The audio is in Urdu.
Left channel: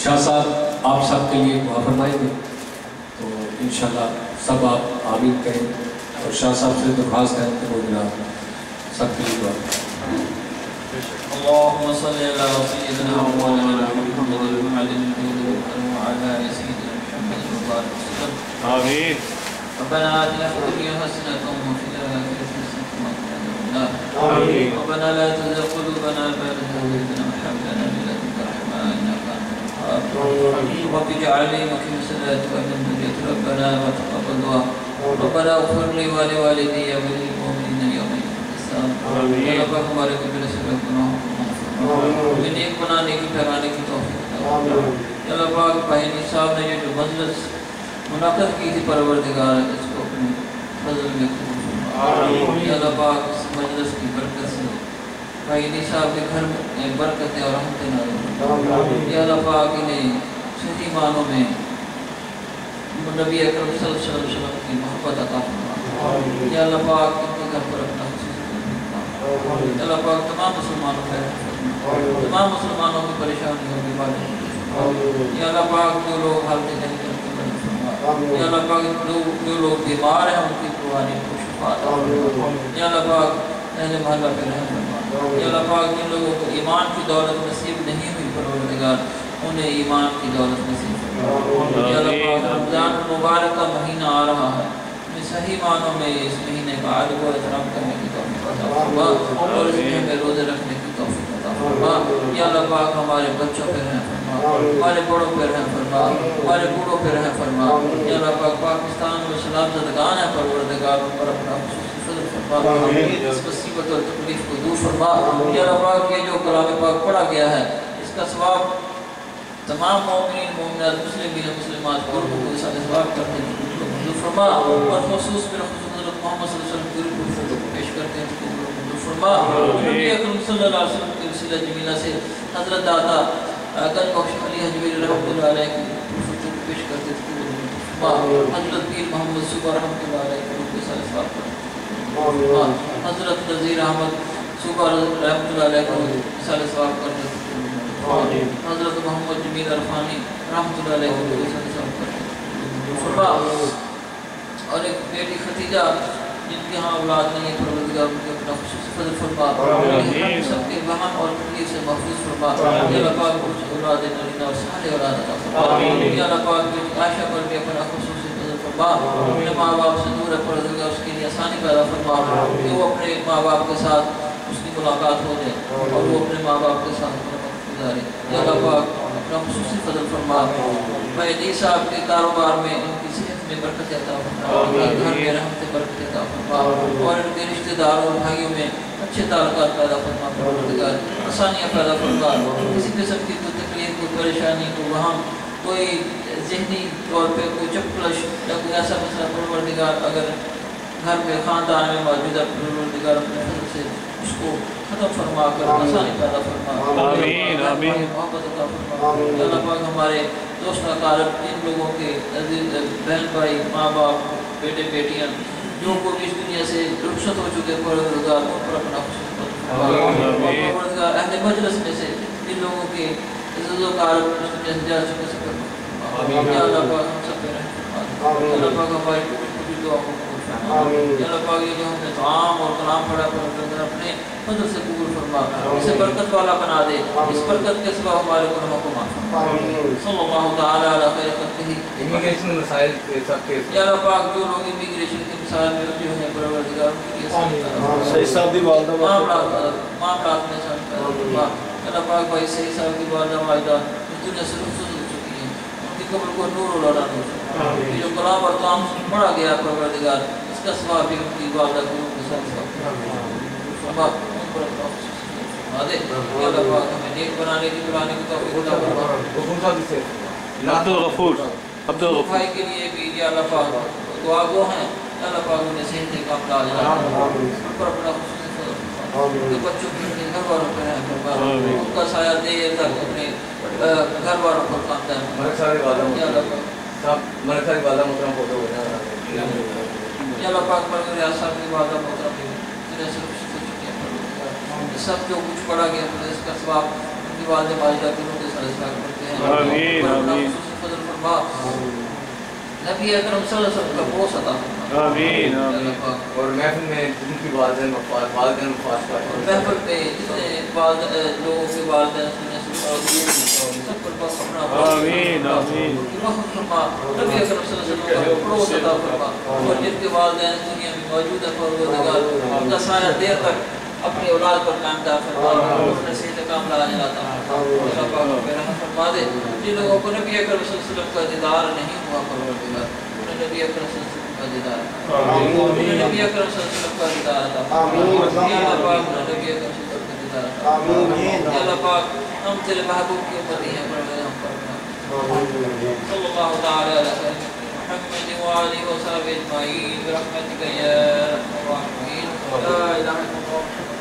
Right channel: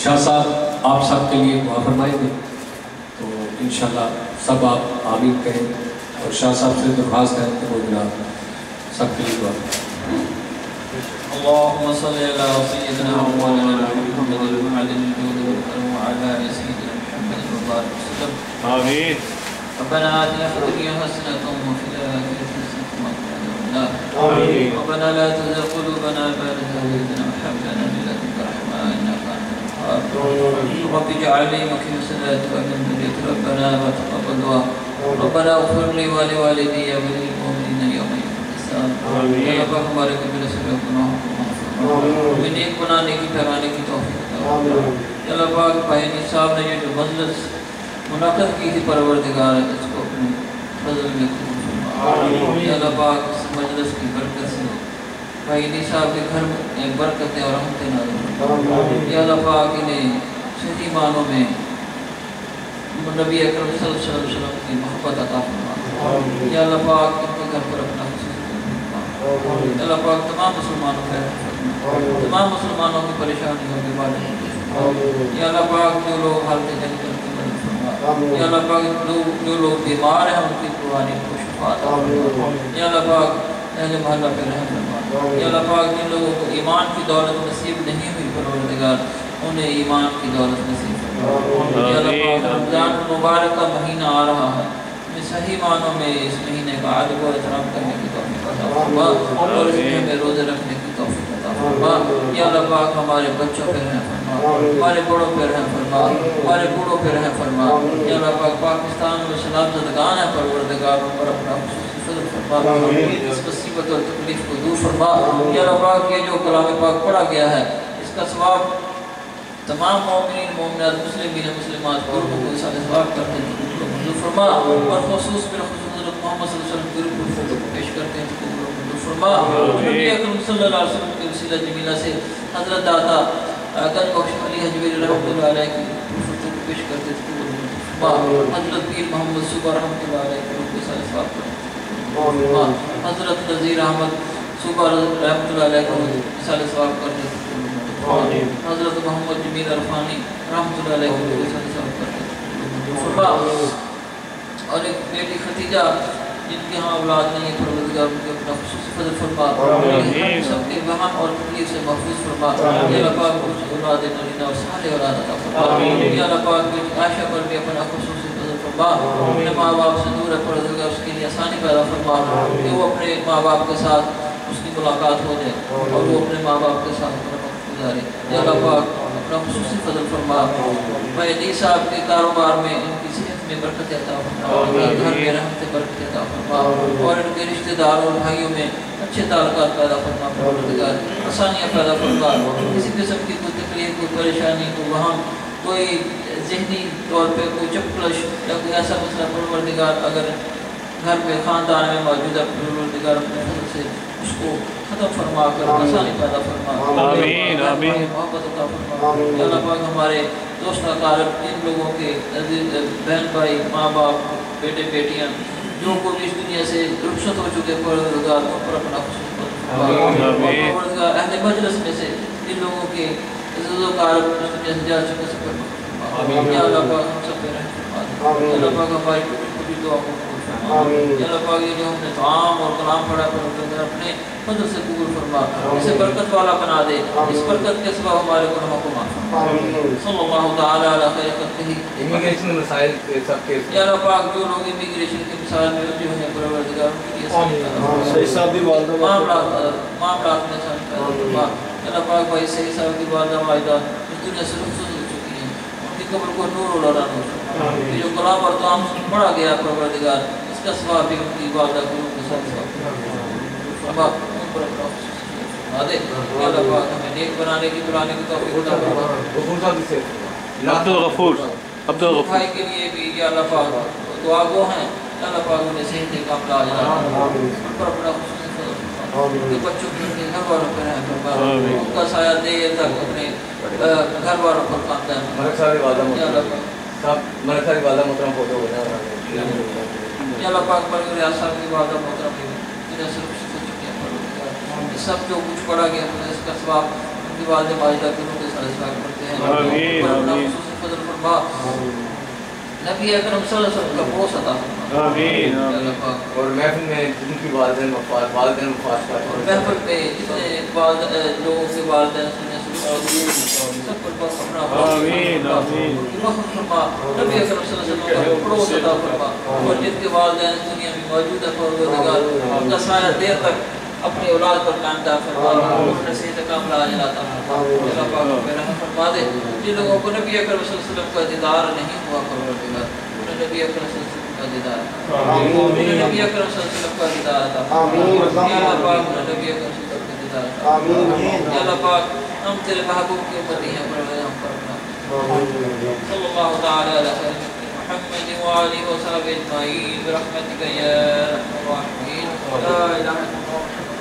شاہ صاحب آپ سب کے لیے دعا فرمائیں گے، تو انشاءاللہ سب آپ آمین کہیں اور شاہ صاحب سے درخواست ہے کہ وہ جناب سب کے لیے دعا کریں۔ اللهم صل على سيدنا مولانا محمد المعدن الجود والكرم وعلى آل سيدنا محمد وبارك وسلم آمين. ربنا آتنا في الدنيا حسنة وفي الآخرة حسنة وقنا عذاب النار آمين. ربنا لا تزغ قلوبنا بعد إذ هديتنا وهب لنا من لدنك رحمة إنك أنت الوهاب رب اجعلني مقيم الصلاة ومن ذريتي ربنا وتقبل دعاء ربنا اغفر لي ولوالدي وللمؤمنين يوم يقوم الحساب آمين. رب ہمارے قبل سے گناہوں کو معاف فرما ہمیں نیک بنانے کی ٹھہرانے کی توفیق عطا فرما اللہ پاک بھائی صاحب نے یہ جو مجلس منعقد کی تھی پروردگار اس کو اپنے فضل میں قبول فرما یا اللہ پاک اس مجلس کی برکت سے بھائی نی صاحب کے گھر میں برکتیں اور رحمتیں نازل فرما یا اللہ پاک انہیں صحیح معنوں میں نبی اکرم صلی اللہ علیہ وسلم کی محبت عطا فرما یا اللہ پاک ان کے گھر پر اپنا خصوصی یا اللہ پاک تمام مسلمانوں کا رحمت فرما تمام مسلمانوں کی پریشانیوں کے بارے میں یا اللہ پاک جو لوگ حالت جنگ کرتے ہیں یا اللہ پاک جو لوگ بیمار ہیں ان کی قربانی کو شفا عطا فرما یا اللہ پاک اہل محلہ پہ رحم فرما یا اللہ پاک جن لوگوں کو ایمان کی دولت نصیب نہیں ہوئی پروردگار انہیں ایمان کی دولت نصیب فرما یا اللہ پاک رمضان مبارک کا مہینہ آ رہا ہے ہمیں صحیح معنوں میں اس مہینے کا ادب و احترام کرنے کی توفیق عطا فرما اور اس میں ہمیں روزے رکھنے کی توفیق عطا فرما یا اللہ پاک ہمارے بچوں پہ رحم فرما ہمارے بڑوں پہ رحم فرما ہمارے بوڑھوں پہ رحم فرما یا اللہ پاک پاکستان میں سلام زدگان ہے پروردگار پر اپنا خصوصی فضل فرما اس مصیبت اور تکلیف کو دور فرما یا اللہ پاک یہ جو کلام پاک پڑھا گیا ہے اس کا ثواب تمام مومنین مومنات مسلمین مسلمات قرب کو اس ثواب کرتے ہیں منظور فرما اور خصوص بالخصوص حضرت محمد صلی اللہ علیہ وسلم کی روح کو پیش کرتے ہیں اس کو منظور فرما نبی اکرم صلی اللہ علیہ وسلم کے وسیلہ جمیلہ سے حضرت داتا گنج بخش علی حجویری رحمۃ اللہ علیہ کی روح کو پیش کرتے ہیں اس کو منظور فرما حضرت پیر محمد صوبہ رحمۃ اللہ علیہ کی روح کو ثواب کرتے ہیں حضرت نذیر احمد صوبہ رحمۃ اللہ علیہ کو مثال ثواب کرتے ہیں حضرت محمد جمیل عرفانی رحمۃ اللہ علیہ کو ثواب کرتے ہیں اور ایک بیٹی ختیجہ جن کے ہاں اولاد نہیں ہے پروردگار ان کے اپنا خصوصی فضل فرما سب کے وہم اور تکلیف سے محفوظ فرما یا اللہ پاک کچھ اولاد نرینہ اور صالح اولاد عطا فرما یا اللہ پاک بیٹی عائشہ پر بھی اپنا خصوصی فضل فرما اپنے ماں باپ سے دور ہے پروردگار اس کے لیے آسانی پیدا فرما کہ وہ اپنے ماں باپ کے ساتھ اس کی ملاقات ہو جائے اور وہ اپنے ماں باپ کے ساتھ اپنا وقت گزارے یا اللہ پاک اپنا خصوصی فضل فرما بھائی دی صاحب کے کاروبار میں ان کی صحت میں برکت عطا فرما گھر میں رحمت برکت عطا فرما اور ان کے رشتہ داروں اور بھائیوں میں اچھے تعلقات پیدا فرما پروردگار آسانیاں پیدا فرما کسی قسم کی کوئی تکلیف کوئی پریشانی کوئی وہاں کوئی ذہنی طور پہ کوئی چپکلش یا کوئی ایسا مسئلہ پروردگار اگر گھر میں خاندان میں موجود ہے پروردگار اپنے فضل سے اس کو ختم فرما کر آسانی پیدا فرما آمین آمین محبت عطا فرما یا اللہ پاک ہمارے دوست اقارب ان لوگوں کے عزیز بہن بھائی ماں باپ بیٹے بیٹیاں جو کو اس دنیا سے رخصت ہو چکے پروردگار ان پر اپنا پروردگار اہل مجلس میں سے جن لوگوں کے عزیز اقارب اس دنیا سے جا چکے سب یا اللہ پاک ہم سب پہ رحم فرما یا اللہ پاک ہماری پوری دعا کو یا اللہ پاک یہ جو ہم نے طعام اور کلام پڑھا پروردگار اپنے فضل سے قبول فرما اسے برکت والا بنا دے اس برکت کے سبب ہمارے گناہوں کو معاف فرما صلی اللہ تعالی علی خیر خلقہ امیگریشن مسائل کے سب کے یا اللہ پاک جو لوگ امیگریشن کے مسائل میں الجھے ہیں پروردگار ان کے لیے صحیح صاحب دی والدہ معاملات میں آسانی پیدا فرما یا اللہ پاک بھائی صحیح صاحب کی والدہ والدہ اس دنیا سے رخصت ہو چکی ہیں ان کی قبر کو نور و لڑا ہو یہ جو کلام اور طعام پڑھا گیا پروردگار اس کا ثواب بھی ان کی والدہ کو کے ساتھ فرما ان پر اپنا فرما دے یا اللہ پاک ہمیں نیک بنانے کی قرآن کی توفیق عطا فرما غفور صاحب سے عبد الغفور بھائی کے لیے بھی یا اللہ پاک دعا گو ہیں یا اللہ پاک انہیں صحت کام لا جائے ان پر اپنا خصوصی فضل فرما ان کے بچوں کے گھر والوں پر رحم فرما ان کا سایہ دیر تک اپنے گھر والوں پر کام دائم مرک سارے والدہ یا اللہ پاک صاحب مرک سارے والدہ محترم فوٹو ہو جائے یا اللہ پاک پر ریاض صاحب کی والدہ محترم بھی جنہیں سے رخصت ہو چکی ہیں سب جو کچھ پڑھا گیا اس کا ثواب ان کی والدہ ماجدہ کے روح کے ساتھ کرتے ہیں آمین آمین فضل فرما نبی اکرم صلی اللہ علیہ وسلم کا بوس عطا فرما آمین آمین اور محفل میں جن کی والدین وفات کا محفل میں جتنے لوگوں کے والدین سب پر اپنا آمین آمین فرما نبی اکرم صلی اللہ علیہ وسلم کا بوس عطا فرما اور جن کے والدین دنیا میں موجود ہے پروردگار ان کا سایہ دیر تک اپنی اولاد پر قائم دار فرما اپنے صحت کاملہ عاجلہ عطا فرما اللہ پاک رحم فرما دے جن لوگوں کو نبی اکرم صلی اللہ علیہ وسلم کا دیدار نہیں ہوا پروردگار انہیں نبی اکرم صلی اللہ علیہ وسلم کا دیدار انہیں نبی اکرم صلی اللہ علیہ وسلم کا دیدار عطا یا اللہ پاک انہیں نبی اکرم صلی اللہ علیہ وسلم کا دیدار عطا یا اللہ پاک ہم تیرے محبوب کی امتی ہیں پروردگار ہم فرما صلی اللہ تعالی علیہ وسلم محمد وآلہ وصحبہ اجمعین برحمتک یا ارحم الراحمین لا الہ الا اللہ